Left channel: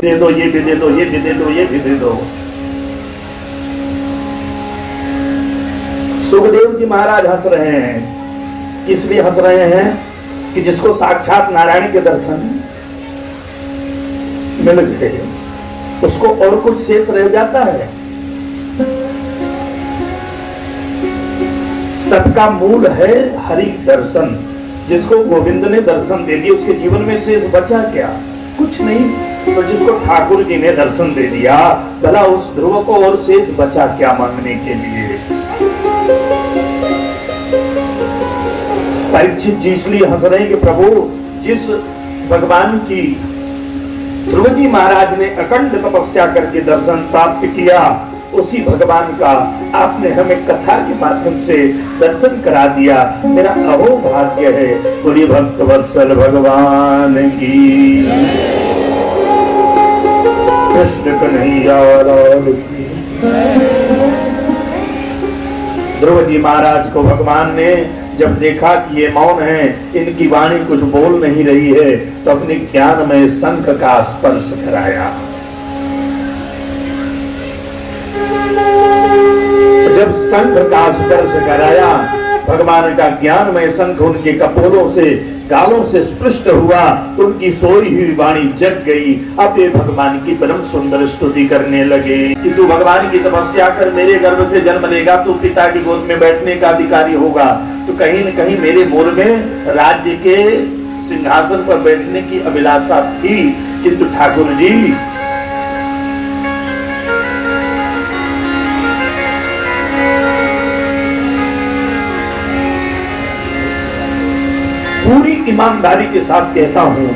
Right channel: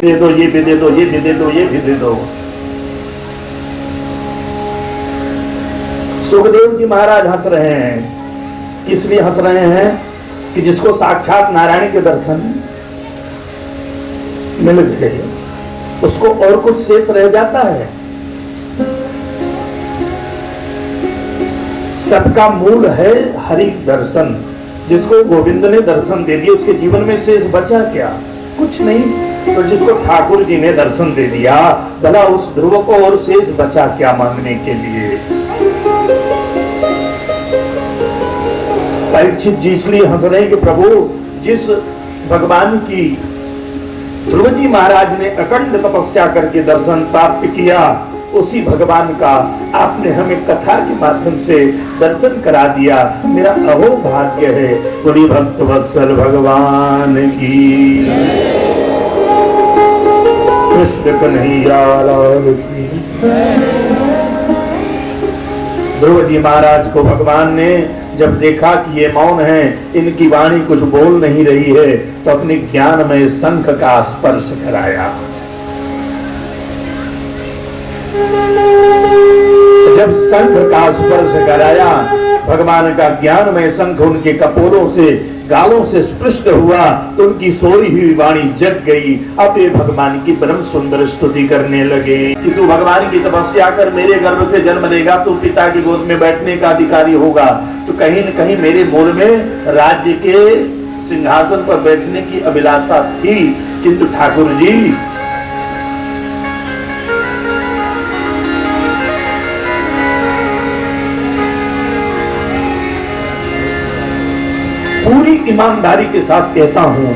दे दो, ये भी दे दो, ये भी दे दो, ये भी दे दो। सुखदेव जी महाराज हंस रहे हैं। इसलिए हंस रहे हैं कि जिसको साक्षात नारायण के दर्शन मिल गए उसको और कुछ शेष रह जाता है। सबका मूल है हरि दर्शन। जिसको गोविंद ने दर्शन दे दिया उसके जीवन में शेष बचा क्या? कुछ नहीं। तो जिसको ठाकुर जी ने दर्शन दे दिया, भला उस ध्रुव को और शेष बचा क्या मांगने के लिए? परीक्षित जी इसलिए हंस रहे हैं कि प्रभु, जिस भगवान की ध्रुव जी महाराज ने अखंड तपस्या करके दर्शन प्राप्त किया, उसी भगवान का आपने हमें कथा के माध्यम से दर्शन करा दिया। मेरा अहो भाग्य है। बोलिए भक्त वत्सल भगवान की, कृष्ण कन्हैया लाल की। ध्रुव जी महाराज को भगवान ने जब देखा कि ये मौन है, इनकी वाणी कुछ बोल नहीं रही है, तो अपने ज्ञान में शंख का स्पर्श कराया। जब शंख का स्पर्श कराया, भगवान का ज्ञान में शंख उनके कपोलों से, गालों से स्पृष्ट हुआ, तो उनकी सोई हुई वाणी जग गई। अब ये भगवान की परम सुंदर स्तुति करने लगे कि तू भगवान की तपस्या कर, मेरे गर्भ से जन्म लेगा, तू पिता की गोद में बैठने का अधिकारी होगा। तो कहीं न कहीं मेरे मूल में राज्य के सिंहासन पर बैठने की अभिलाषा थी, किंतु ठाकुर जी पूरी ईमानदारी के साथ कहता हूं,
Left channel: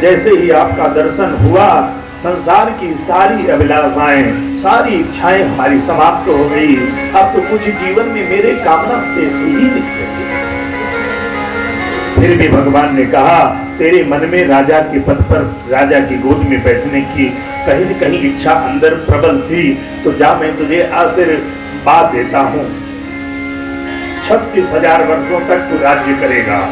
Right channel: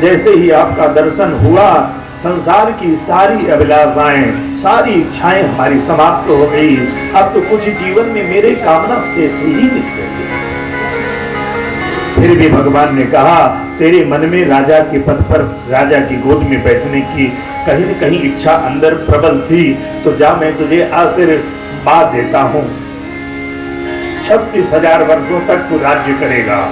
जैसे ही आपका दर्शन हुआ, संसार की सारी अभिलाषाएं, सारी इच्छाएं हमारी समाप्त हो गई। अब तो कुछ जीवन में मेरे कामना से ही निकलेगी। फिर भी भगवान ने कहा, तेरे मन में राजा के पद पर, राजा की गोद में बैठने की कहीं न कहीं इच्छा अंदर प्रबल थी, तो जा, मैं तुझे आशीर्वाद देता हूं। 36,000 वर्षों तक तू राज्य करेगा।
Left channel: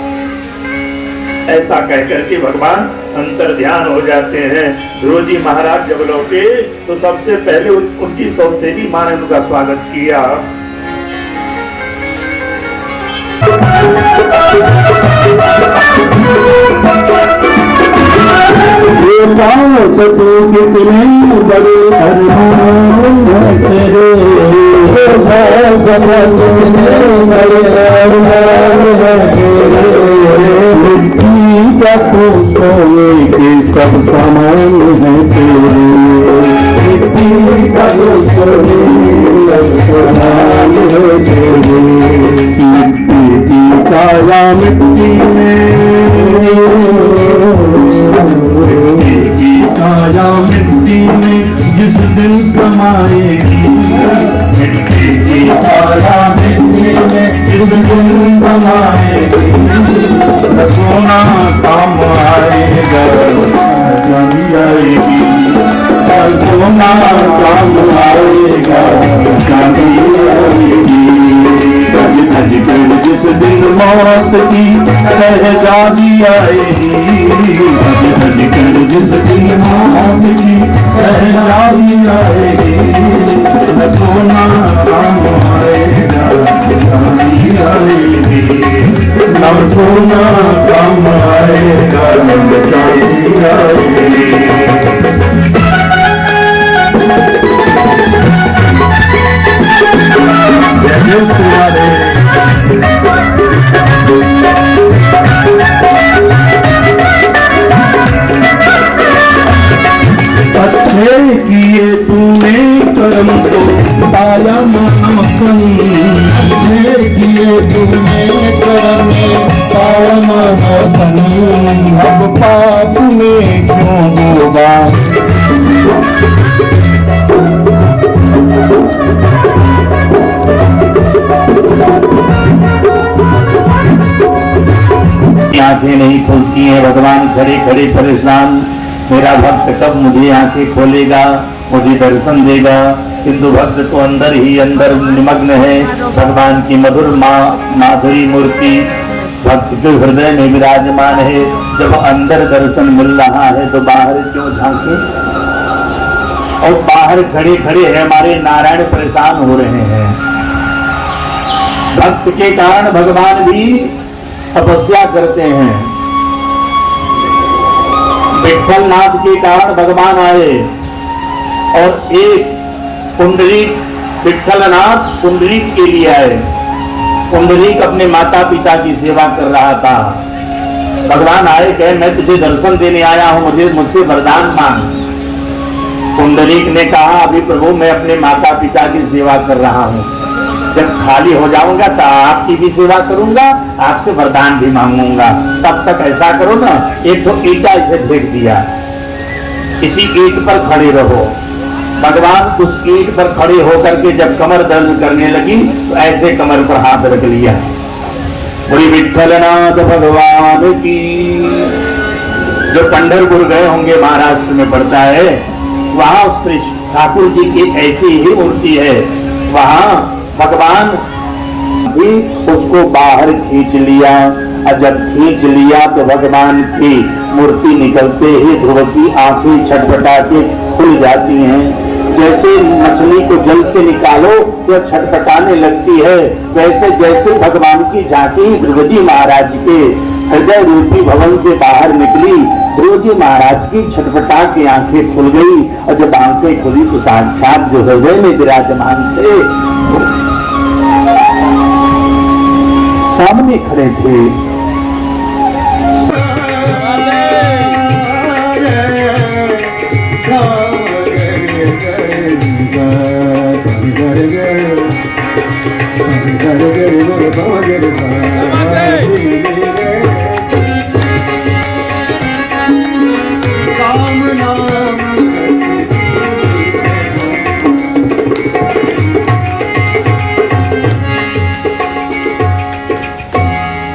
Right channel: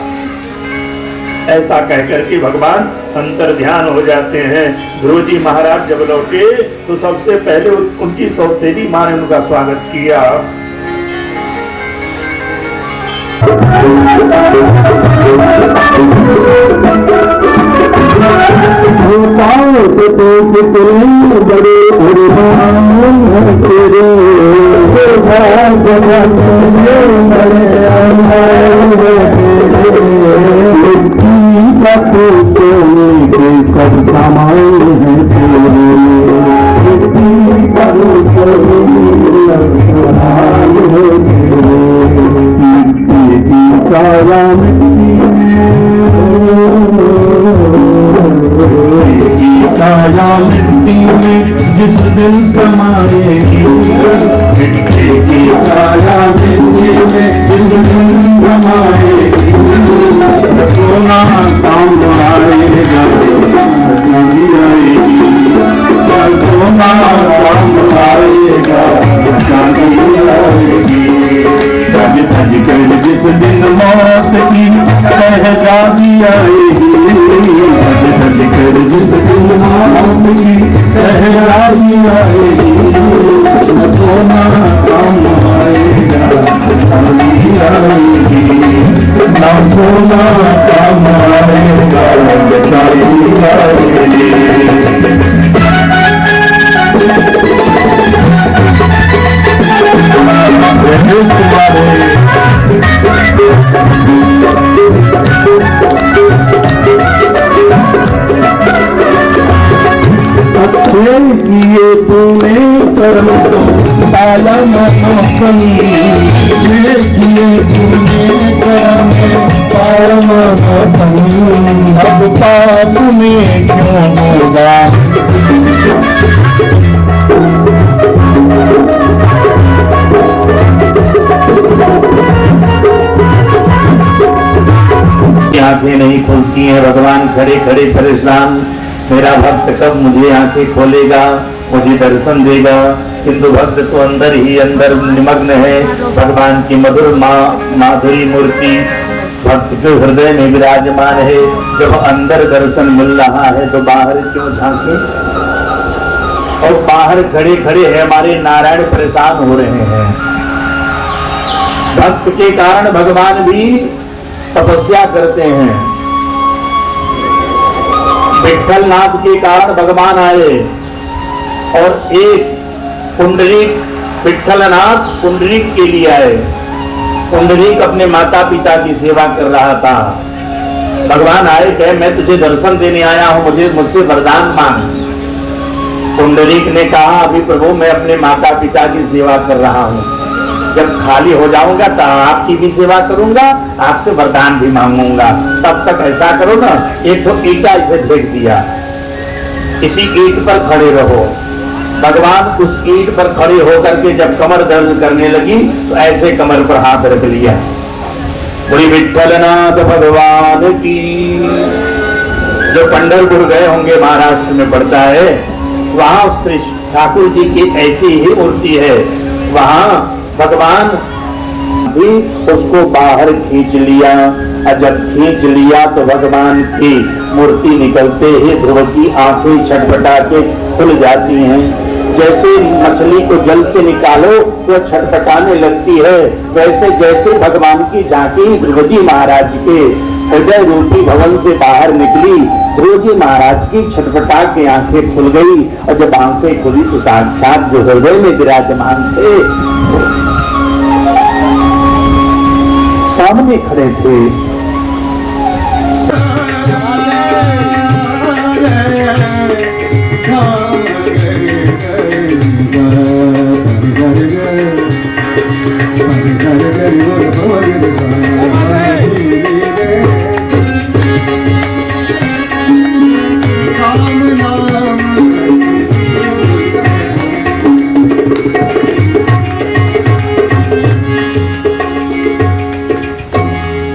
ऐसा कहकर के भगवान अंतर ध्यान हो जाते हैं। ध्रुव जी महाराज जब लौटे तो सबसे पहले उनकी सौतेली मां ने उनका स्वागत किया। जिस दिन समाएगी मिट्टी की काया मिट्टी में, जिस दिन बनाएगी सोना काम आएगा, चांदी आएगी, सोना काम आएगा, चांदी आएगी। सज धज कर जिस दिन मौत की शहजादी आएगी, सज धज कर जिस दिन मौत की शहजादी आएगी, सोना काम आएगा, चांदी आएगी, सोना काम आएगा, चांदी आएगी। अच्छे किए तूने कर्म तो पाया मनोपनी, अच्छे किए तूने कर्म पाया मनोपनी, अब पाप में क्यों होगा? आंखें नहीं खुलती हैं, भगवान खड़े खड़े परेशान, मेरा भक्त कब मुझे आंखें खोलेगा, मुझे दर्शन देगा। किंतु भक्त तो अंदर ही अंदर निमग्न है। भगवान की मधुर माधुरी मूर्ति भक्त के हृदय में विराजमान है। जब अंदर दर्शन मिल रहा है तो बाहर क्यों झांके? और बाहर खड़े खड़े है हमारे नारायण परेशान हो रहे हैं। भक्त के कारण भगवान भी तपस्या करते हैं। विठ्ठल नाथ के कारण भगवान आए और एक पुंडरीक विठ्ठलनाथ पुंडरीक के लिए आए। पुंडरीक अपने माता पिता की सेवा कर रहा था। भगवान आए, कहे मैं तुझे दर्शन देने आया हूं, मुझसे वरदान मांग। पुंडरीक ने कहा, अभी प्रभु मैं अपने माता पिता की सेवा कर रहा हूं, जब खाली हो जाऊंगा तो आपकी भी सेवा करूंगा, आपसे वरदान भी मांगूंगा। तब तक ऐसा करो ना, एक तो ईटा इसे फेंक दिया, इसी ईट पर खड़े रहो। भगवान उस ईट पर खड़े होकर के जब कमर दर्द करने लगी तो ऐसे कमर पर हाथ रख लिया। बोली विठ्ठलनाथ भगवान की। जो पंढरपुर गए होंगे, महाराष्ट्र में पड़ता है, वहां श्री ठाकुर जी की ऐसी ही मूर्ति है। वहां भगवान भी उसको बाहर खींच लिया, और जब खींच लिया तो भगवान की मूर्ति निकलते ही ध्रुव की आंखें छटपटा के खुल जाती हैं। जैसे मछली को जल से निकालो तो छटपटाने लगती है, वैसे जैसे भगवान की झांकी ध्रुव जी महाराज के हृदय रूपी भवन से बाहर निकली, ध्रुव जी महाराज की छटपटा के आंखें खुल गई। और जब आंखें खुली तो साक्षात जो हृदय में विराजमान थे सामने खड़े थे।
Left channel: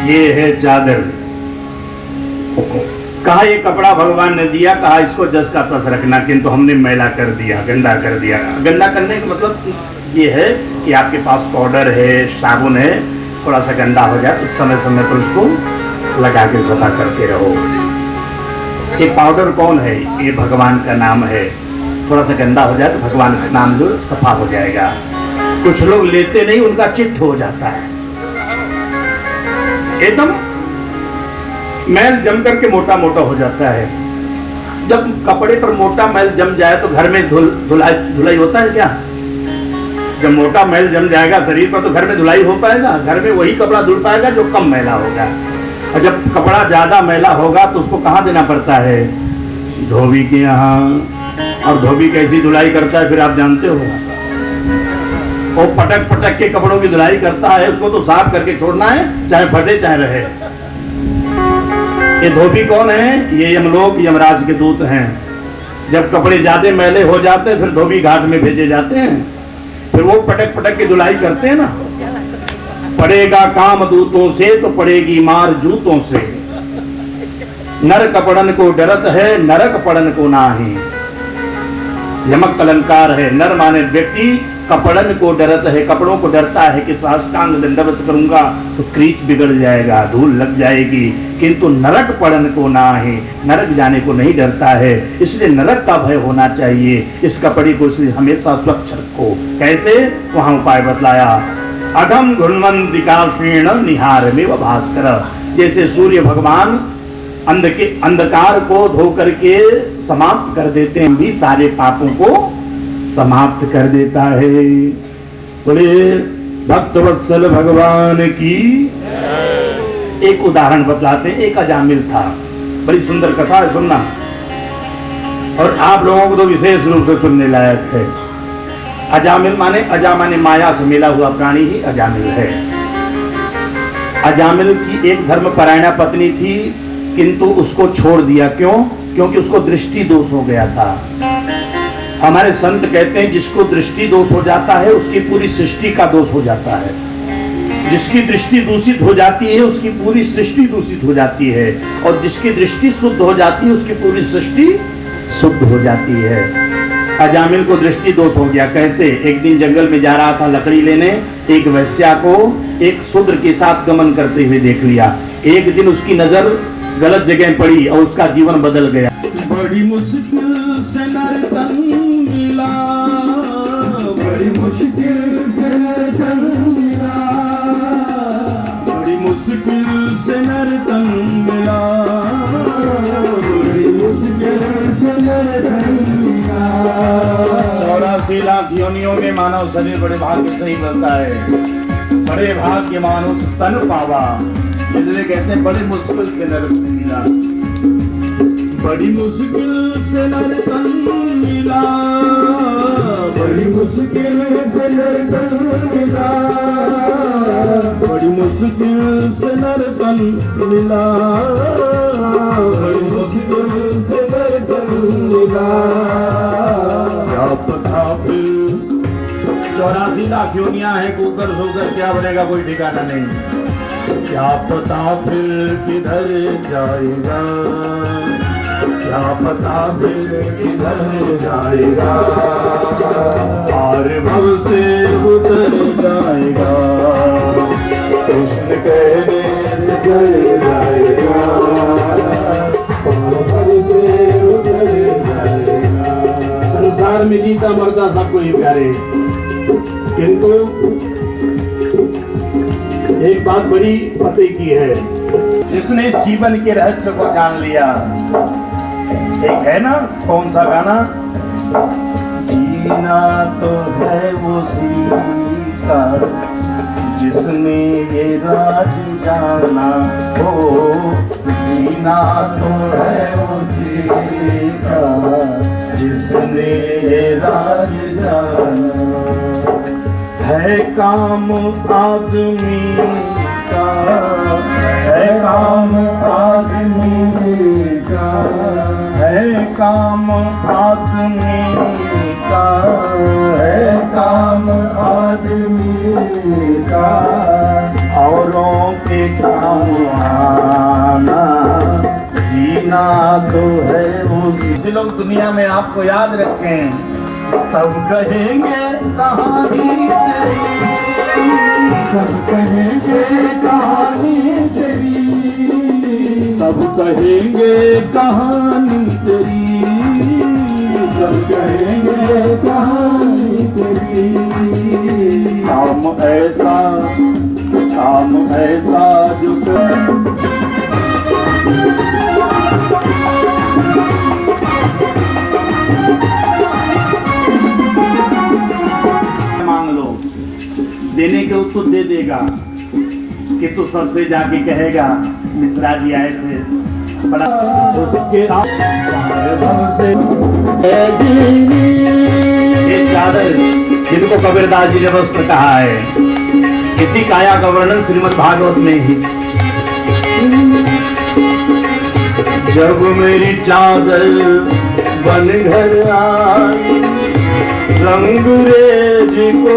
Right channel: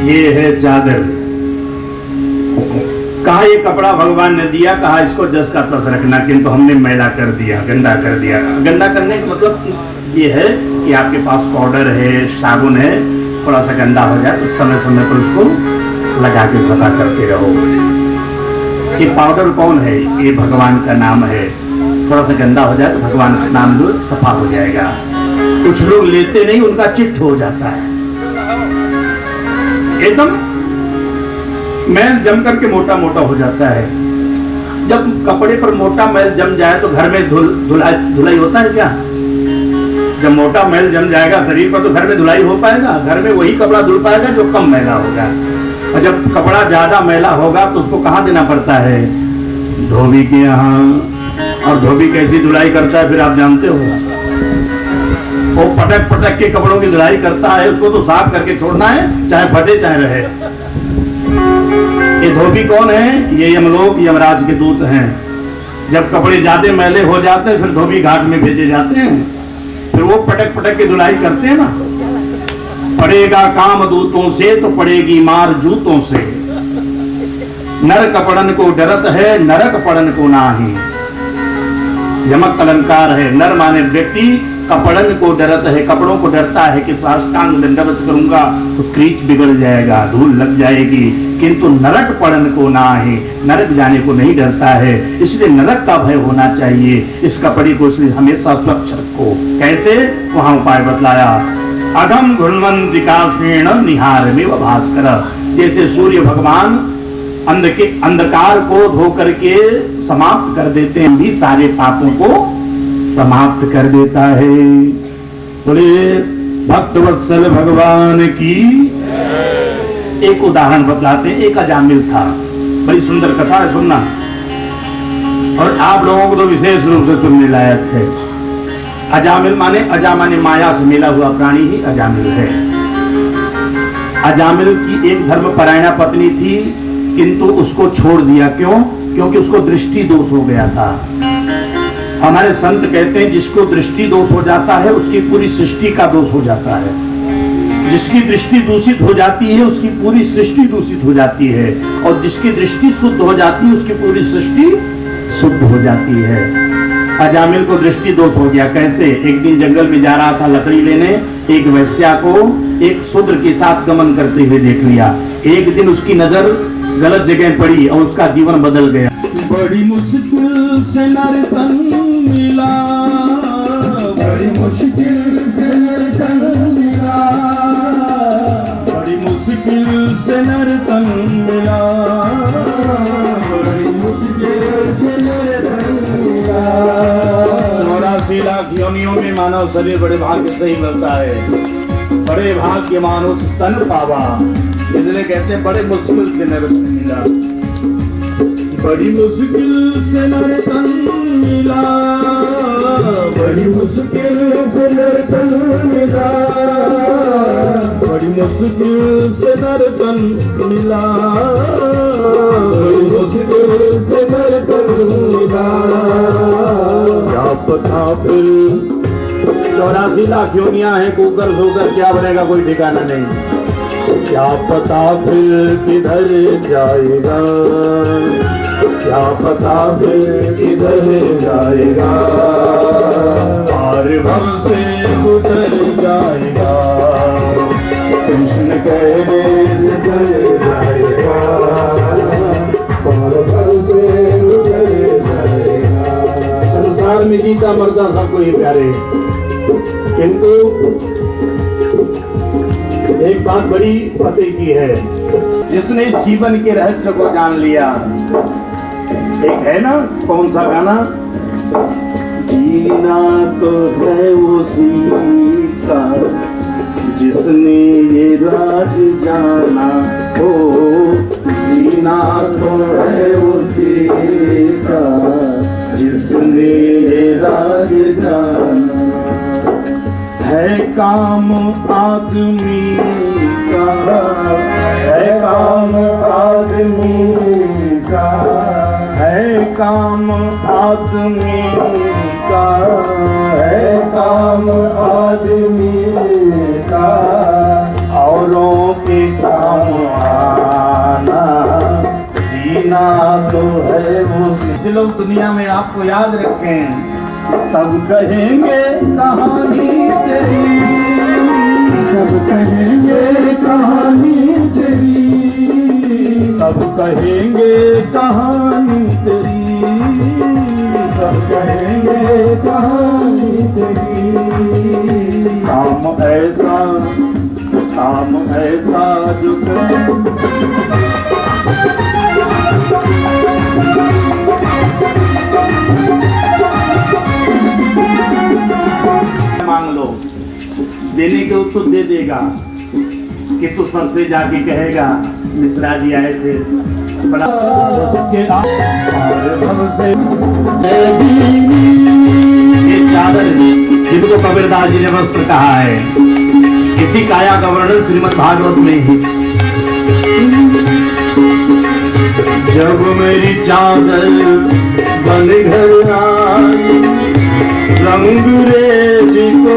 ये है चादर। कहा ये कपड़ा भगवान ने दिया, कहा इसको जस का तस रखना, किंतु हमने मैला कर दिया, गंदा कर दिया। गंदा करने का मतलब ये है कि आपके पास पाउडर है, साबुन है, थोड़ा सा गंदा हो जाए तो समय समय पर उसको लगा के सफा करते रहो। ये पाउडर कौन है? ये भगवान का नाम है। थोड़ा सा गंदा हो जाए तो भगवान का नाम लो, सफा हो जाएगा। कुछ लोग लेते नहीं, उनका चिट्ठ हो जाता है, एकदम मैल जम करके मोटा मोटा हो जाता है। जब कपड़े पर मोटा मैल जम जाए तो घर में धुलाई होता है क्या? जब मोटा मैल जम जाएगा शरीर पर तो घर में धुलाई हो पाएगा? घर में वही कपड़ा धुल पाएगा जो कम मैला होगा। और जब कपड़ा ज्यादा मैला होगा तो उसको कहाँ देना पड़ता है? धोबी के यहाँ। और धोबी कैसी धुलाई करता है फिर आप जानते हो? वो पटक पटक के कपड़ों की धुलाई करता है, उसको तो साफ करके छोड़ना है, चाहे फटे चाहे रहे। ये धोबी कौन है? ये यमलोक यमराज के दूत हैं। जब कपड़े ज्यादा मैले हो जाते हैं फिर धोबी घाट में भेजे जाते हैं, फिर वो पटक पटक के धुलाई करते हैं ना। पड़ेगा काम दूतों से तो पड़ेगी मार जूतों से। नर कपड़न को डरत है, नरक पड़न को नाही। यमक अलंकार है। नर माने व्यक्ति, कपड़न को डरत है, कपड़ों को डरता है कि साष्टांग दंडवत करूंगा तो क्रीच बिगड़ जाएगा, धूल लग जाएगी, किंतु नरक पड़न को ना है, नरक जाने को नहीं डरता है। इसलिए नरक का भय होना चाहिए। इस कपड़े को इसलिए हमेशा स्वच्छ रखो। कैसे? वहां उपाय बतलाया। अघम घुर्णंतिकाक्षीण निहार में भास्कर। जैसे सूर्य भगवान अंधकार को धो करके समाप्त कर देते हैं, भी सारे पापों को समाप्त कर देता है। बोले भक्त वत्सल भगवान की। एक उदाहरण बतलाते हैं। एक अजामिल था, बड़ी सुंदर कथा है, सुनना, और आप लोगों को तो विशेष रूप से सुनने लायक है। अजामिल माने अजामाने माया से मिला हुआ प्राणी ही अजामिल है। अजामिल की एक धर्मपरायणा पत्नी थी, किंतु उसको छोड़ दिया। क्यों? क्योंकि उसको दृष्टि दोष हो गया था। हमारे संत कहते हैं जिसको दृष्टि दोष हो जाता है उसकी पूरी सृष्टि का दोष हो जाता है। जिसकी दृष्टि दूषित हो जाती है उसकी पूरी सृष्टि दूषित हो जाती है, और जिसकी दृष्टि शुद्ध हो जाती है उसकी पूरी सृष्टि शुद्ध हो जाती है। अजामिल को दृष्टि दोष हो गया। कैसे? एक दिन जंगल में जा रहा था लकड़ी लेने, एक वैश्या को एक शूद्र के साथ गमन करते हुए देख लिया। एक दिन उसकी नजर गलत जगह पड़ी और उसका जीवन बदल गया। बड़ी मुश्किल से नर तन मिला, मुश्किल से नर्तन मिला, बड़ी मुश्किल से नर्तन मिला, बड़ी मुश्किल से नर्तन मिला। 84 लाख योनियों में मानव शरीर बड़े भाग्य से ही बनता है, बड़े भाग्य मानुष तन पावा, इसलिए कहते हैं बड़े मुश्किल से नर्तन मिला, बड़ी मुश्किल से नर्तन मिला, बड़ी मुश्किल से नर्तन मिला, बड़ी मुश्किल से नर्तन मिला, बड़ी मुश्किल से नर्तन मिला। क्या पता फिर 84 लाख योनियां हैं, कुकर सोकर क्या बढ़ेगा कोई ठिकाना नहीं, क्या पता फिर किधर जाएगा, क्या पता फिर किधर जाएगा, पार भव से उतर जाएगा, कृष्ण कहने निकल जाएगा, पार भव से उतर जाएगा। संसार में जीता मरता सबको ही प्यारे, किंतु एक बात बड़ी फतेह की है, जिसने इस जीवन के रहस्य को जान लिया। एक है ना, कौन सा गाना, जीना तो है उसी का जिसने ये राज जाना हो, जीना तो है उसी का जिसने ये राज जाना, है काम आदमी का, है काम आदमी का, है काम आदमी का, है काम आदमी का, औरों के काम आना, जीना तो है वो। इसे लोग दुनिया में आपको याद रखें, सब कहेंगे कहानी तेरी, सब कहेंगे कहानी तेरी, सब कहेंगे कहानी तेरी, सब कहेंगे कहानी तेरी। काम ऐसा जो मांग लो, देने के उत्तर दे देगा, कि तू सबसे जाके कहेगा मिश्रा जी आए थे बड़ा ये चादर जिनको कबीरदास जी ने वस्त्र कहा है, इसी काया का वर्णन श्रीमद् भागवत में ही, जब मेरी चादर बन घर आई, रंगरेज को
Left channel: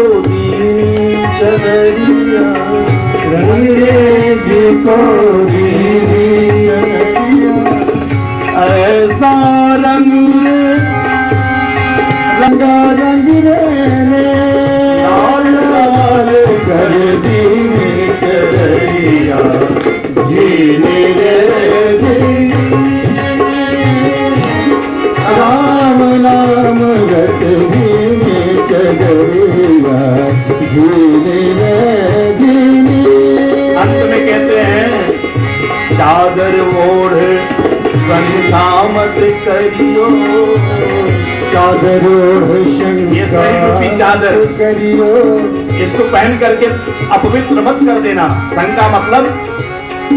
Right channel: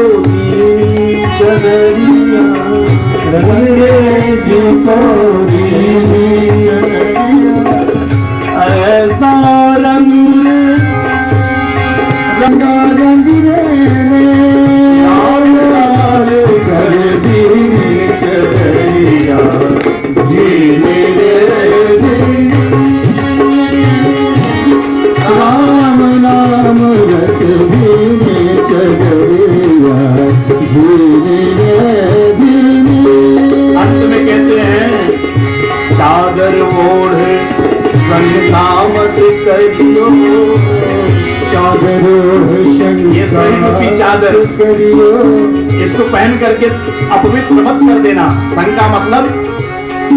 चदरिया, रंगरेज को ऐसा रंग रंगा रंगरे लाल लाल कर दी चदरिया, जीने रे राम नाम रत अंत में कहते हैं, चादर ओढ़ संगमत करियो, चादर ये सही चादर करियो, इसको पहन करके अपवित्र मत कर देना। शंका मतलब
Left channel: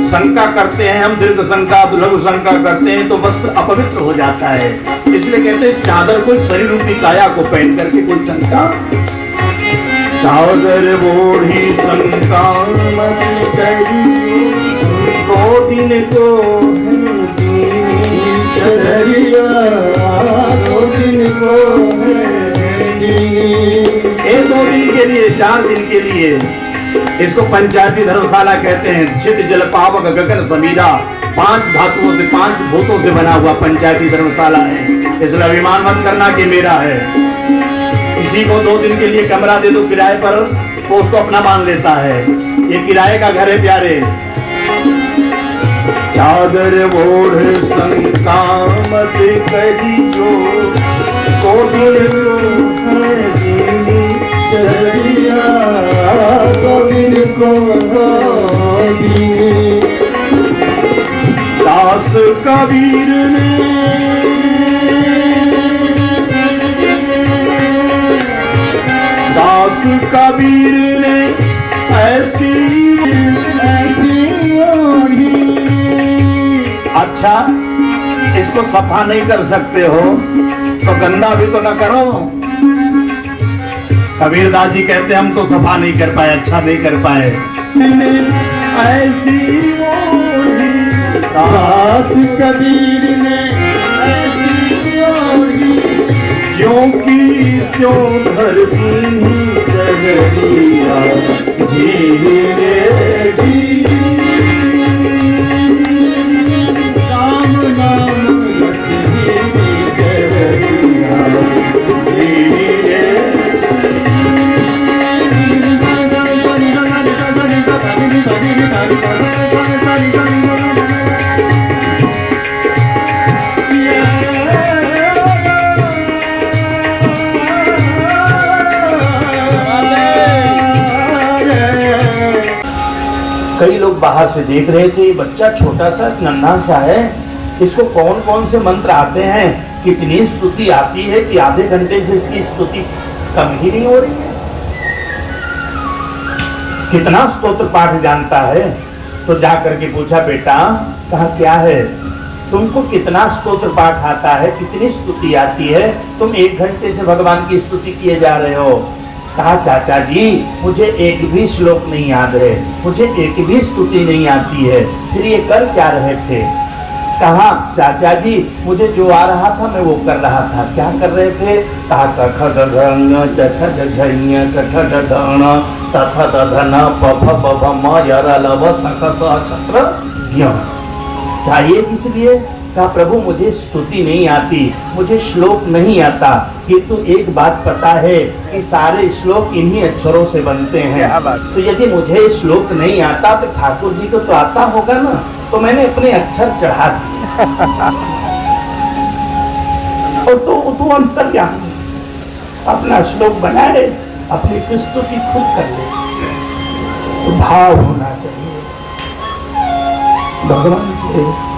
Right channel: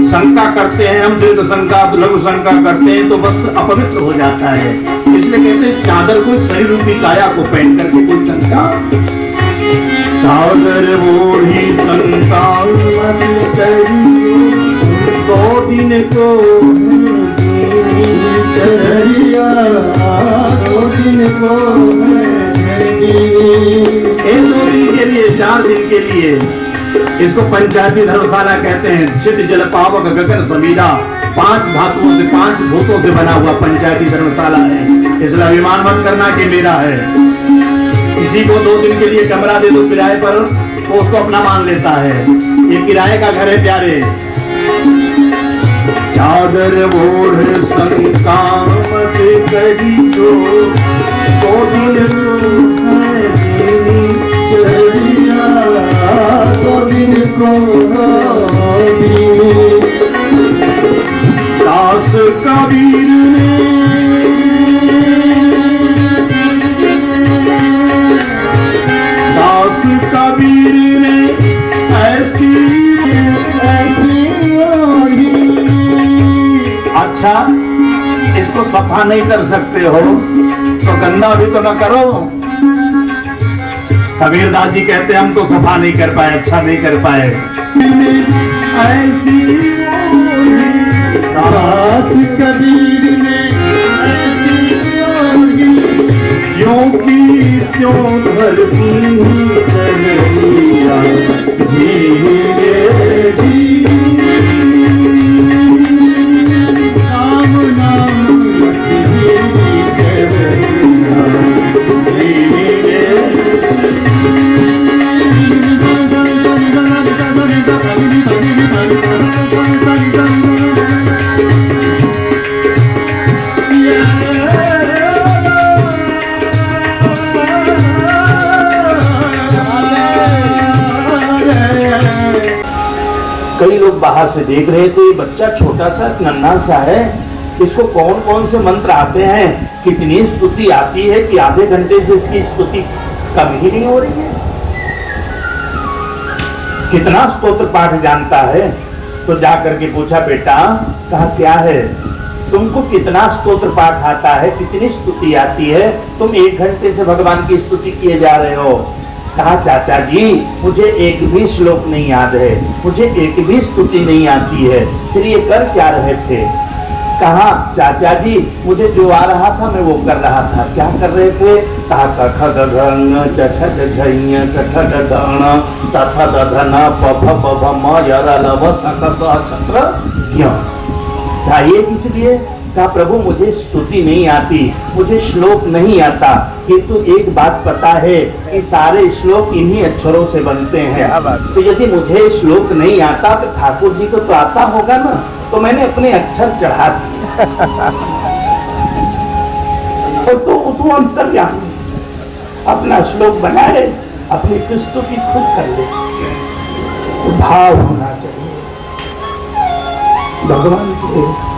शंका करते हैं हम, दीर्घ शंका लघु शंका करते हैं तो वस्त्र अपवित्र हो जाता है, इसलिए कहते हैं चादर को सही रूपी काया को पहन करके कोई शंका। चादर ओढ़ी संसार को दिन को चदरिया, दो दिन को एक 2 दिन के लिए, 4 दिन के लिए, इसको पंचायती धर्मशाला कहते हैं। छिट जल पावक गगन समीरा, 5 धातुओं से 5 भूतों से बना हुआ पंचायती धर्मशाला है, इसलिए अभिमान मत करना कि मेरा है। किसी को 2 दिन के लिए कमरा दे दो किराए पर, वो उसको अपना मान लेता है, ये किराए का घर है प्यारे। चादर ओढ़ संतामत करियो, तो दिन को है दास कबीर ने दास कबीर ने ऐसी अच्छा, इसको सफा नहीं कर सकते हो तो गंदा भी तो न करो। कबीरदास जी कहते हम तो सफा नहीं कर पाए, अच्छा नहीं कर पाए। ऐसी दास कबीर ने ज्यों की त्यों धरती जगरिया जीने जी कई लोग बाहर से देख रहे थे, बच्चा छोटा सा नन्हा सा है, इसको कौन कौन से मंत्र आते हैं, कितनी स्तुति आती है कि आधे घंटे से इसकी स्तुति कम ही नहीं हो रही है। कितना स्तोत्र पाठ जानता है। तो जाकर के पूछा, बेटा कहा क्या है, तुमको कितना स्तोत्र पाठ आता है, कितनी स्तुति आती है, तुम 1 घंटे से भगवान की स्तुति किए जा रहे हो। कहा चाचा जी मुझे एक भी श्लोक नहीं याद है, मुझे एक भी स्तुति नहीं आती है, फिर ये कर क्या रहे थे। कहा चाचा जी मुझे जो आ रहा था मैं वो कर रहा था। क्या कर रहे थे। कहा कख गगन चछ झझ कठ गधन तथ दधन पफ पफ म यरा लव सकस छत्र ज्ञ। क्या ये किस लिए। कहा प्रभु मुझे स्तुति नहीं आती, मुझे श्लोक नहीं आता, किंतु एक बात पता है कि सारे श्लोक इन्हीं अक्षरों से बनते हैं। तो यदि मुझे श्लोक नहीं आता तो ठाकुर जी को तो आता होगा ना, तो मैंने अपने अक्षर चढ़ा दिए और तो अंतर्यामी अपना श्लोक बनाए, अपनी स्तुति खुद कर ले। तो भाव होना चाहिए भगवान के।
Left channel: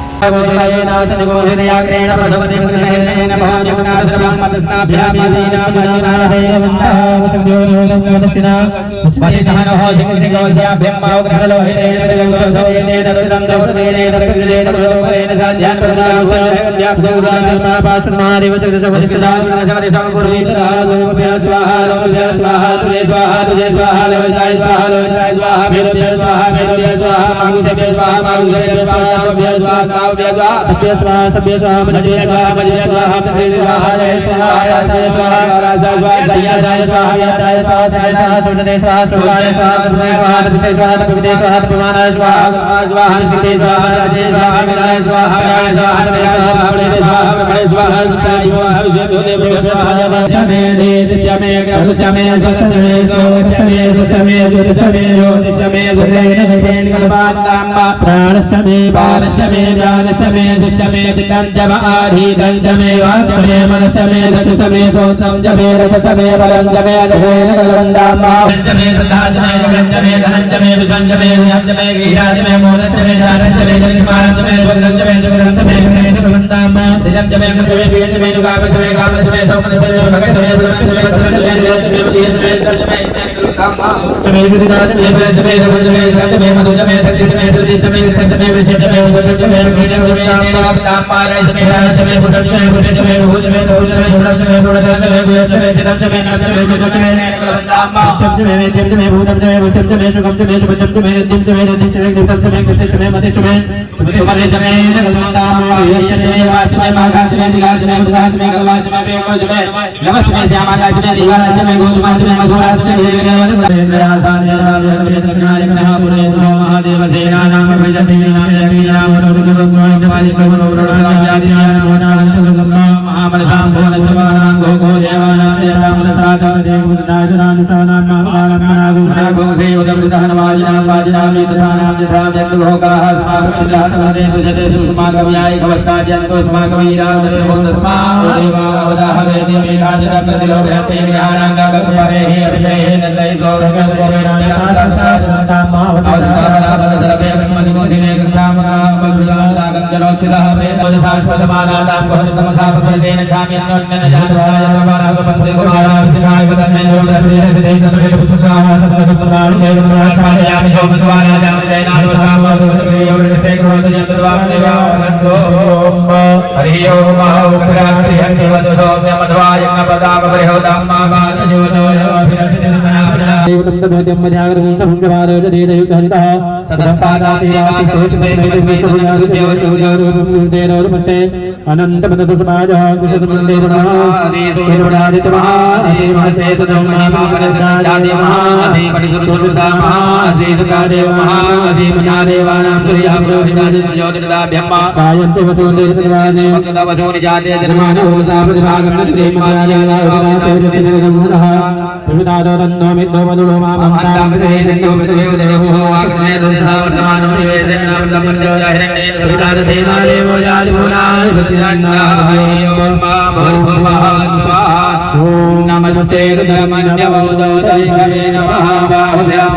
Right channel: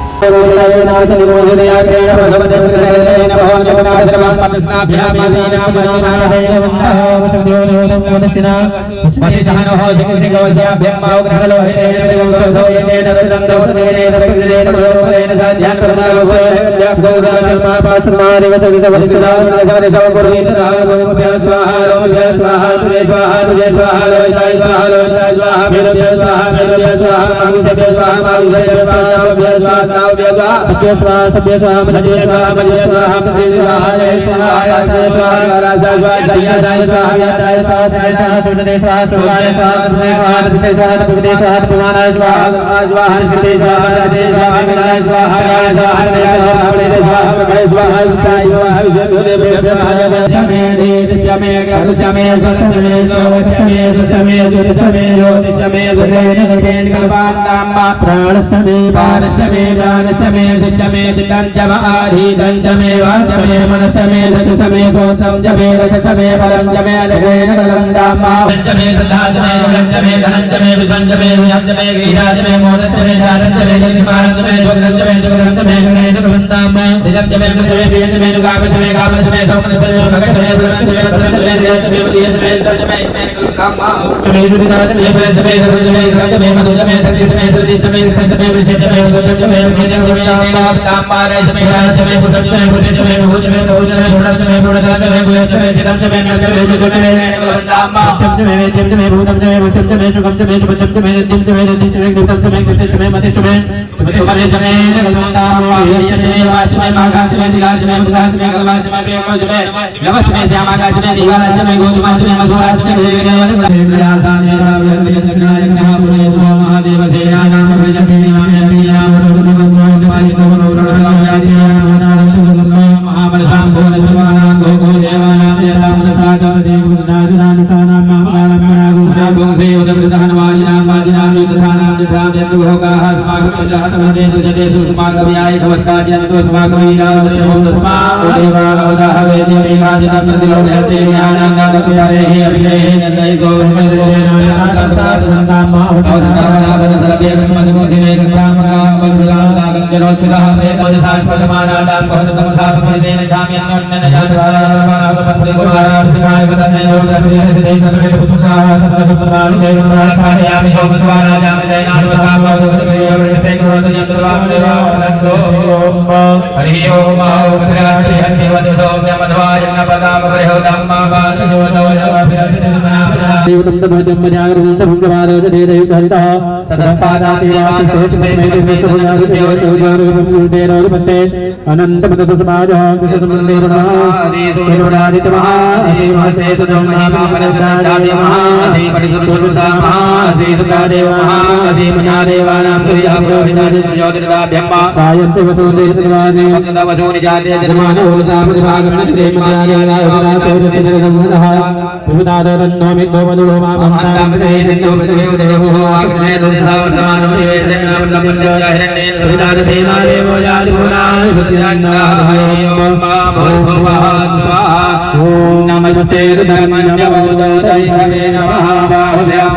होगा अस्माकमिन्द्राणमदे सुजते सुस्माकव्याय कवस्कार्यन्तु स्माकवीरावदाहवेति मेघादितं प्रतिलोभयते ज्ञानाङ्गाकप्यरेः अभिलेः निर्दयितो सर्वे ब्रह्मदिवोधिमे गङ्गामकामगुरुदागञ्जरोचितः वेदोदिशाश्वतमानानां भवतमसापकृतेन जाम्यन्योन्यन जातराय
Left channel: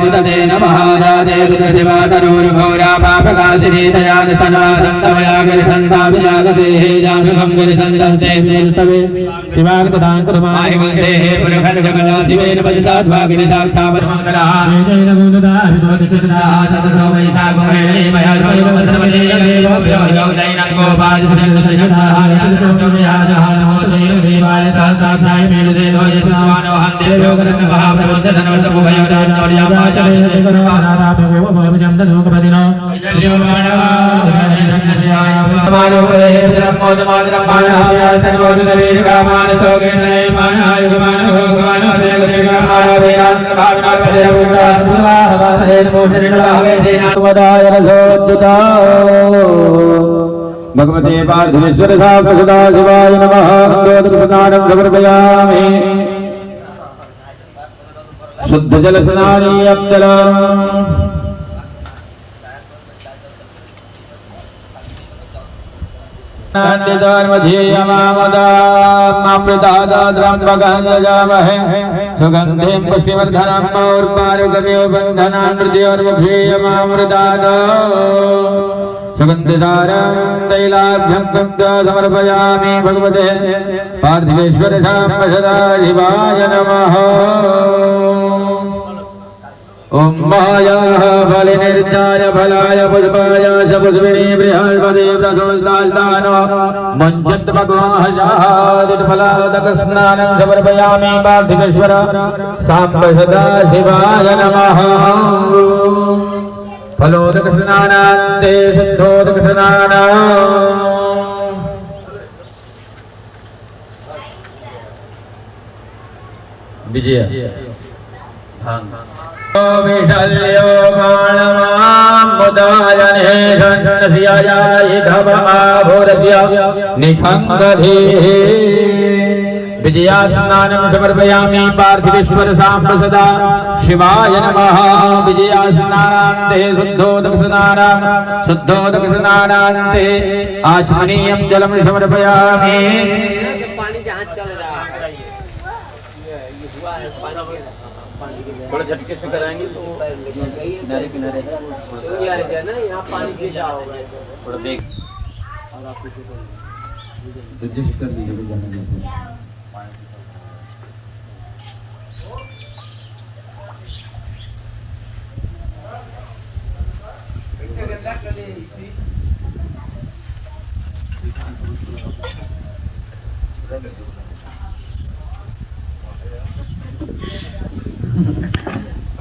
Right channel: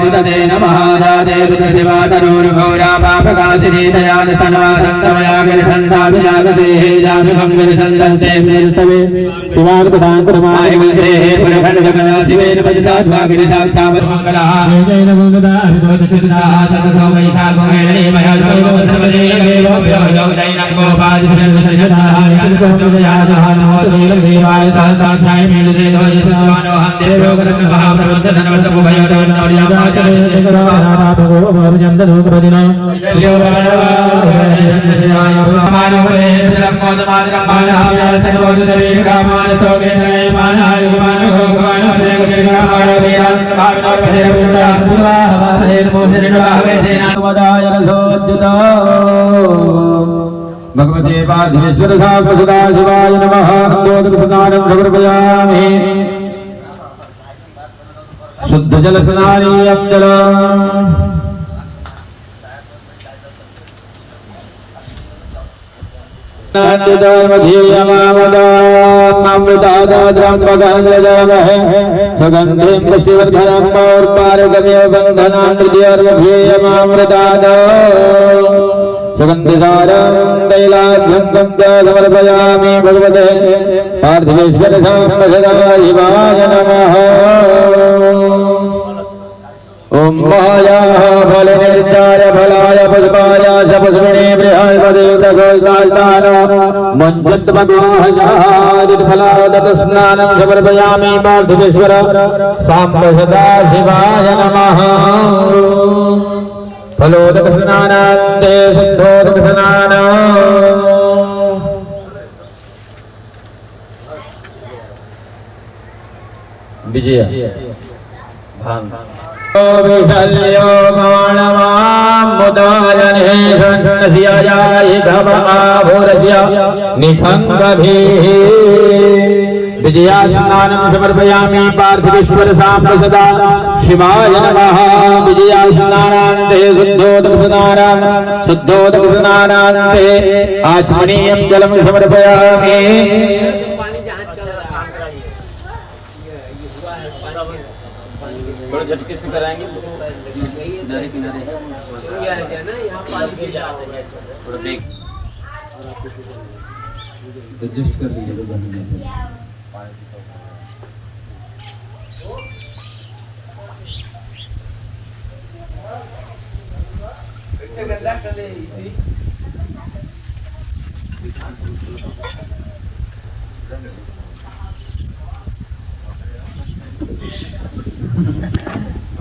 नमस्ते नमः शिवातरूर्घोरा पापकाशिनी दयानस्तनवासन्तमयागिरिसन्ताभिजागते शिवार्पदाङ्कुरमाहिमन्त्रे पुरखण्डकला शिवेन पजसाध्वागिरि साक्षावन्मङ्गलः भगवते पार्थिवेश्वर सदा शिवाय नमः अंगोदकस्नानं समर्पयामि शुद्ध जल स्नानीयं जलम् सुगंधिं पुष्टिवर्धनम् पौर्पारिकमेव बन्धनान्मृत्यर्वध्येयमामृतात् सुगन्धिसारं तैलाभ्यं तं च समर्पयामि भगवते पार्थिवेश्वर साम्ब सदा शिवाय नमः ओम मायाः फलनिर्ताय फलाय पुष्पाय सपुष्पिणे बृहाय पदेवतास्तान मुञ्चित्पदोहजादिफलादतस्नानं समर्पयामि पार्थिवेश्वर साम्ब सदा शिवाय नमः फलोदकस्नानान्ते शुद्धोदकस्नाना विजय विशल्यो मानवाम्बुदायने सन्नस्याय धमाभुरस्य निखङ्गधीः विजयास्नानं समर्पयामि पार्थिवेश्वर साम्ब सदा शिवाय नमः विजयास्नानान्ते शुद्धोदकस्नानान्ते आचमनीयं जलं समर्पयामि थोड़ा झटके से कराएंगे तो किनारे किनारे है थोड़ा देख एडजस्ट कर लीजिए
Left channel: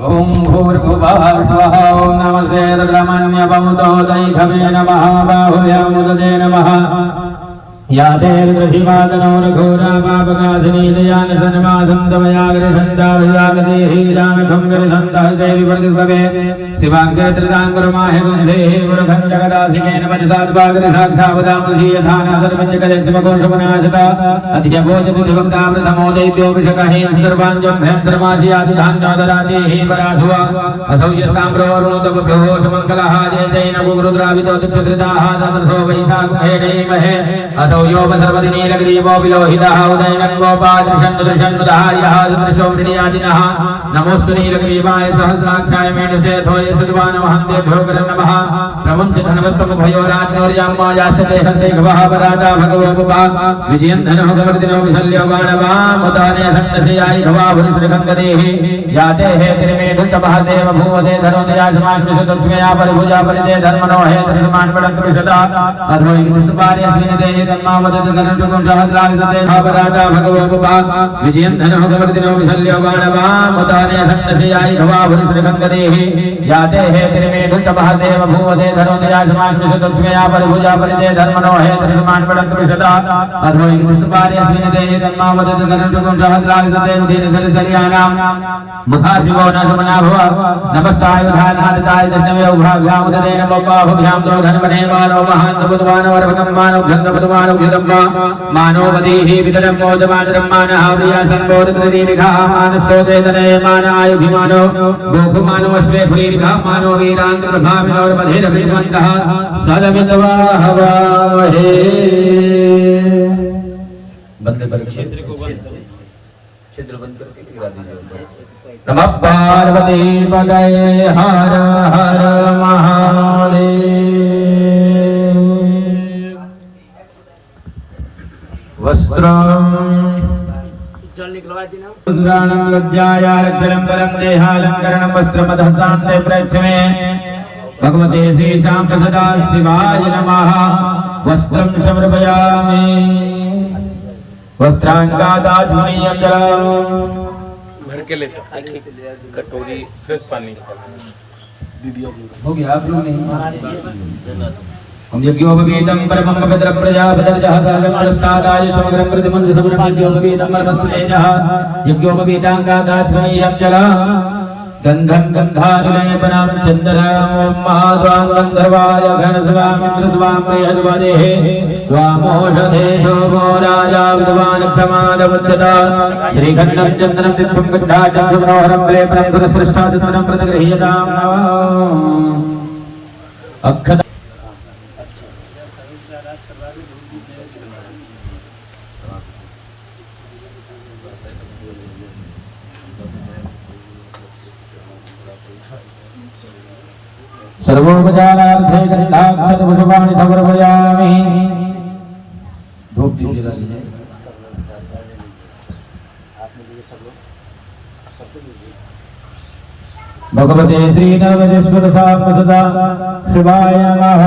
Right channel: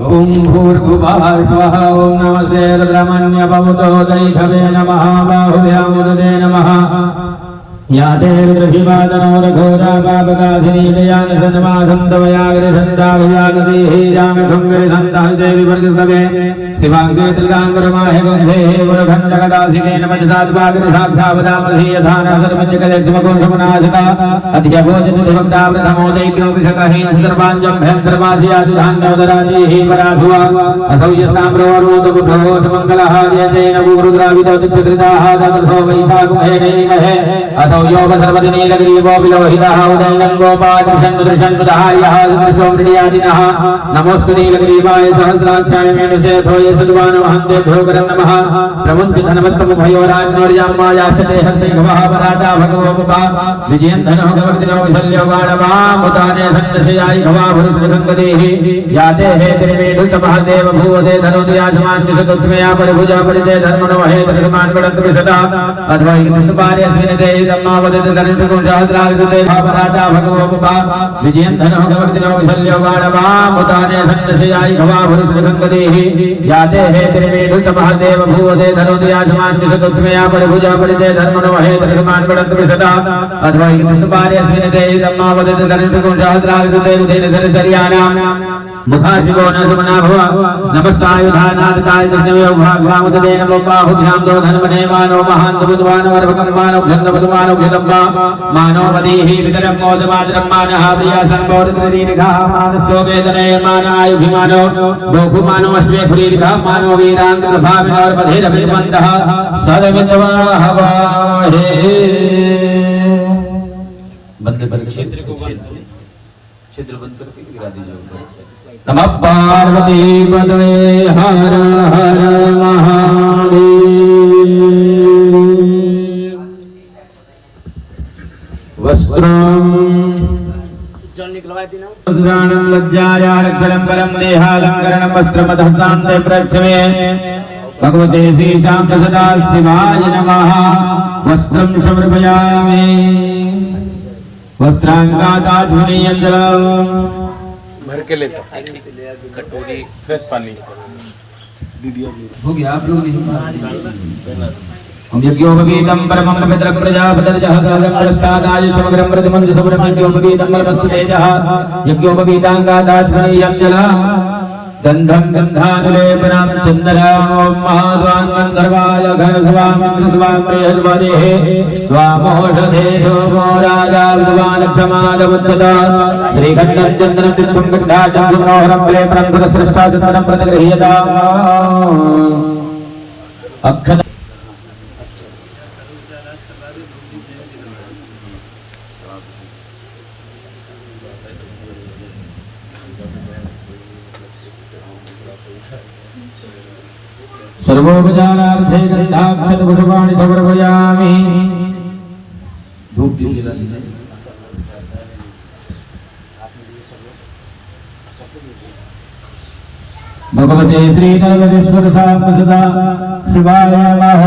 ओम भूर्भुवः स्वः ओम नमस्ते रुद्रमन्यवमुतो दैभवे नमः बाहुव्यामुदते नमः या देवशिवादनोरघोरा पापकासिनी दयान सन्मासं तवयाग्रसन्तावयागतिहि रामखंगरसन्तादेवी वर्गस्तवे शिवाङ्गत्रदाङ्गरमाहे वंशे गुरुखण्डकदासिकेन पञ्चसाद्वाग्रसाक्षावदामृषि यथान सर्वज्ञकलेक्षमकोशमनाशता अधियभोजनिधुभक्ता प्रथमो दैव्योऽभिषकहेन सर्वाञ्जम्भेन सर्वाधियादुधान्योदराजेहि पराधुवा असौ यस्ताम्रवरोदबुभ्यो समङ्गलः जयतेन गुरुद्राविदो दिक्षकृताः तत्रसो वैशाखुहेणेमहे असौ योग सर्वदिनीलग्रीवो विलोहितः उदयनं गोपादृशन्दुदृशन्दुधार्यः सुमृष्वमृडियादिनः नमोऽस्तु नीलग्रीवाय सहस्राक्षाय मेणुषेथो ये सद्वान महन्तेभ्यो करं नमः प्रमुञ्चितनमस्तमुभयोरान्नोर्याम्मायास्यते हस्ते गवः पराता भगवो बुभा विजयन् धनो गवर्दिनो विशल्यो वानवामुताने सन्नशयायि भवा भुरुष्णिगङ्गदेः याते हे त्रिमेधुतमः देव भूवते धनोदयासमान्यसदस्मया परिभुजा परिते धर्मणो हे त्रिसमान्वडत्रिशता अथवा इमस्तुपार्यस्मिनते धम्मावदते धनुषको सहस्राविशते पराता भगवो बुभा विजयन् धनो गवर्दिनो विशल्यो वानवामुताने सन्नशयायि भवा भुरुष्णिगङ्गदेः याते हे त्रिमेधुतमः देव भूवते धनोदयासमान्यसदस्मया परिभुजा परिते धर्मणो हे त्रिसमान्वडत्रिशता अथवा इमस्तुपार्यस्मिनते धम्मावदते धनुषको सहस्राविशते विधिनिधनचर्याणां मुखाशिवो न सुमना भव नमस्तायुधानादिताय दशनयोभाभ्यामुदते नमो बाहुभ्यां दो धन्वने मानो महान्तबुधवानो वरभगन्मानो घन्दबुधवानो घृतम्बा मानो वदेहि वितरं मोदमातरं मानः प्रिया सर्वोरित्रिरिघा मानस्तोकेतने मान आयुभिमानो गोकुमानो अस्मे खुरीरिघा मानो वीरान्तप्रभाविनोर्मधेरभिमन्तः सदमिन्द्वाहवाहे बंद कर क्षेत्र को क्षेत्र बंद करके गिरा दीजिए। नमः पार्वती पदये हर हर महादेव वस्त्रं उद्गानं लज्जायारक्षरं परं देहालङ्करणं वस्त्रमधस्तान्ते प्रक्षमे भगवते श्रीशां सदा शिवाय नमः वस्त्रं समर्पयामि वस्त्रांगादाचमनीयं जलं भर के लेता कटोरी फ्रेश पानी हो गया आप लोग नहीं हम यज्ञोपवीतं परमं पवित्रं प्रजापतिर्जहदालं प्रस्तादाय समग्रं प्रतिमन्द सुब्रह्म यज्ञोपवीतं परमस्तु तेजः यज्ञोपवीतांगादाचमनीयं जलं गन्धं गन्धानुलेपनं चन्दनं महाद्वां गन्धर्वाय घनस्वामिन्द्रस्वां प्रियद्वदेः त्वामोषधेषो गो राजा विद्वान् क्षमादमुच्यता श्रीखण्डचन्द्रं सिद्धं गन्धाचं सुमनोहरं प्रेमं गुरुसृष्टासिद्धं प्रतिगृह्यताम् अक्षत सर्वोपचारार्थे गन्धाक्षतकुसुमानि समर्पयामि धूप दीजिए भगवते श्रीनागेश्वर सदा शिवाय नमः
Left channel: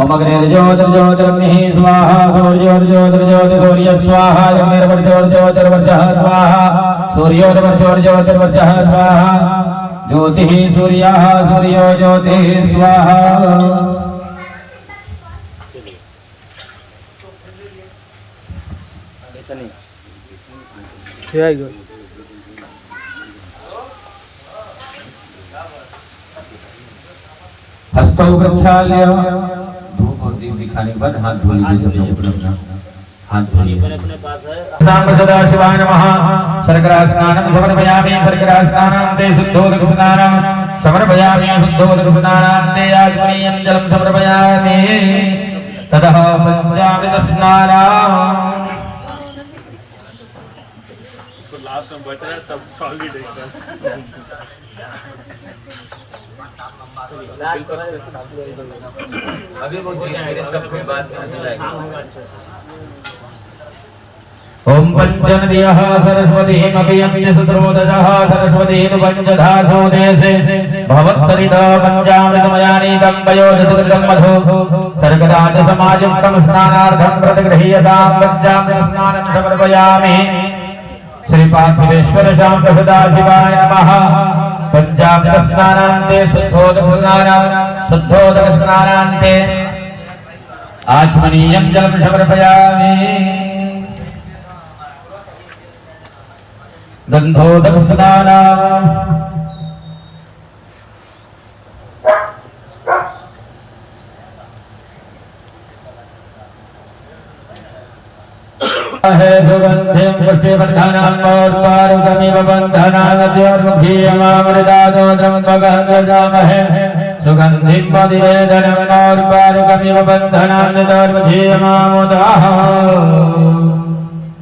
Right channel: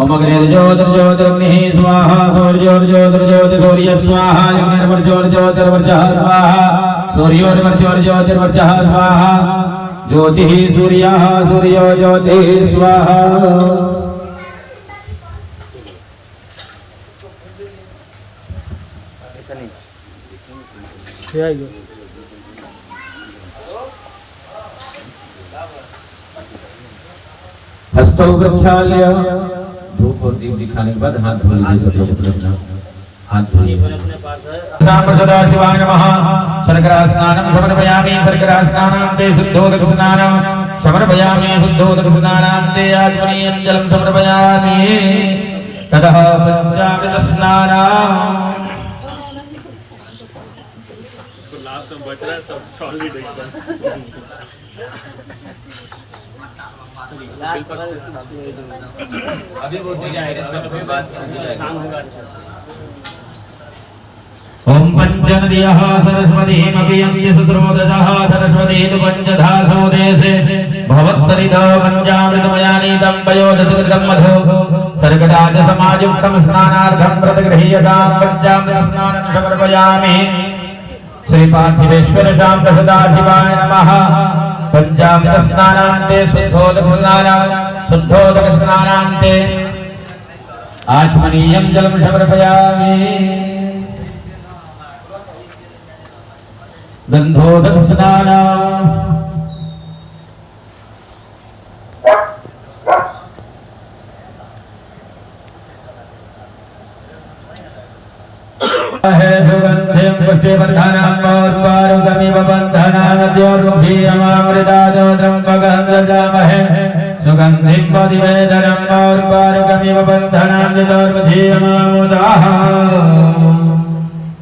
ओम अग्निर्ज्योतिर्ज्योतिर्ग्निः स्वाहा सूर्योर्ज्योतिर्ज्योतिर्ज्योतिः स्वाहा अग्निर्वर्ज्योतिर्वर्चः स्वाहा सूर्योर्वर्ज्योतिर्वर्चः स्वाहा ज्योतिः सूर्यः सूर्यो ज्योतिः स्वाहा हस्तौ प्रक्षाल्य धूप और दीप दिखाने के बाद हाथ धो लीजिए सब लोग अपना हाथ धो लीजिए। नाम सदा शिवाय नमः शर्करा स्नानं समर्पयामि शर्करा स्नानान्ते शुद्धोदकस्नानं समर्पयामि शुद्धोदकस्नानान्ते आचमनीयं जलं समर्पयामि ततः पंचामृतस्नानं इसको लास्ट में बच रहा है सब सॉलिड एकदम अभी वो शाम होगा। ओम पंचमदियः सरस्वतीमपि सुद्रोदशः सरस्वती तु पंचधासो देशे भवत्सरिता पंचामृतमयानीतं पयोजतकृतं मधु सर्गदाज समायुक्तं स्नानार्थं प्रतिगृह्यतां पंचामृतस्नानं समर्पयामि। श्री पार्थिवेश्वर शांत सदाशिवाय नमः। पंचामृतस्नानान्ते शुद्धोदकस्नानान्ते आचमनीयं जलं समर्पयामि। गन्धोदकस्नानम् हे सुगन्धिं पुष्टिवर्धनम् और्वारुकमिव बन्धनाद्योर्मुखीयमामृतादोत्रं त्वगन्धजामहे सुगन्धिं पदिवेदनम् और्वारुकमिव बन्धनाद्योर्मुखीयमामुदाः।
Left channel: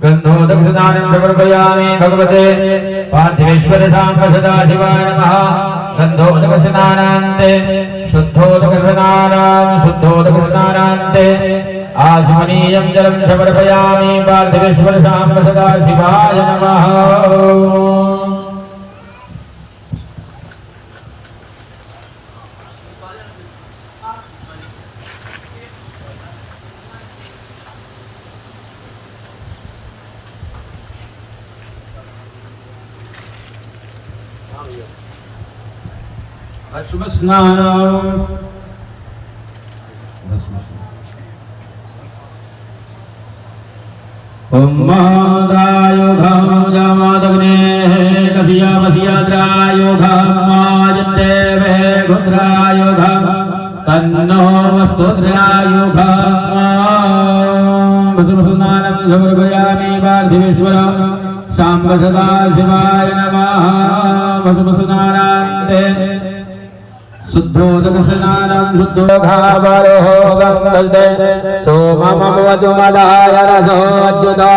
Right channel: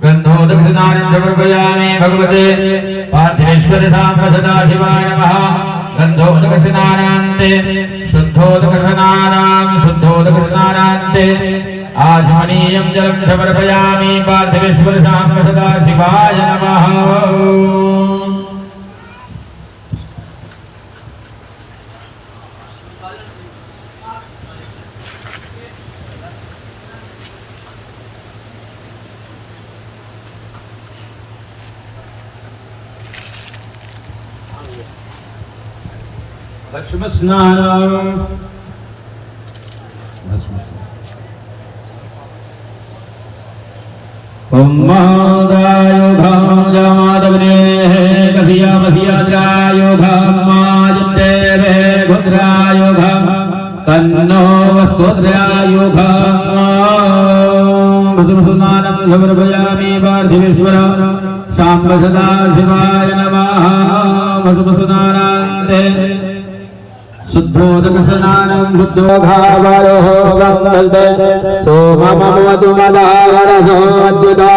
गन्धोदकस्नानं समर्पयामि भगवते पार्थिवेश्वर शांत सदाशिवाय नमः। गन्धोदकस्नानान्ते शुद्धोदकस्नानान्ते आचमनीयं जलं समर्पयामि। पार्थिवेश्वर शांत सदाशिवाय नमः। भस्म स्नानम् ओम महादायुघं जामादग्नेः कथियामसियाद्रायुघं मायन्तेवे गुद्रायुघं तन्नो वस्तुद्रायुघं भस्मस्नानं समर्पयामि। पार्थिवेश्वर शाम्ब सदाशिवाय नमः। भस्मस्नानान्ते शुद्धोदकस्नानं शुद्धोघावरोहो गङ्गल्ते सोममवतुमदारसोऽच्युता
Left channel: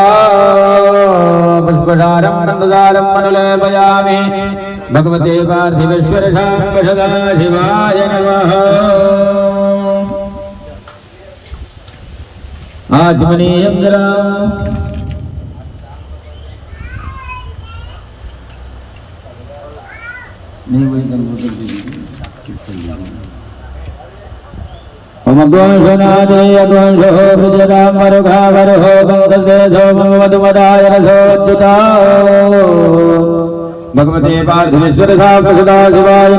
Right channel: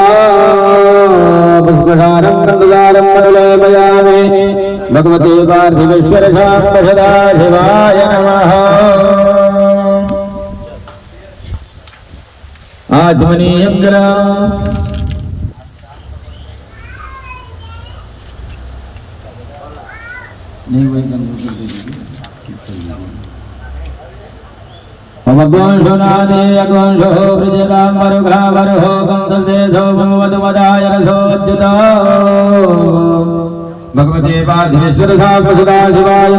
पुष्पसारं रङ्गलारं मणिलेपयामि। भगवते पार्थिवेश्वर शाम्ब सदाशिवाय नमः। आचमनीयं जलम् ओमगोंशनादे अगोंशो विद्यतांगरुघावरहो गंगलदेशो ममवधुमदायरसोऽच्युता भगवते पार्थिवेश्वर शांत सदाशिवाय।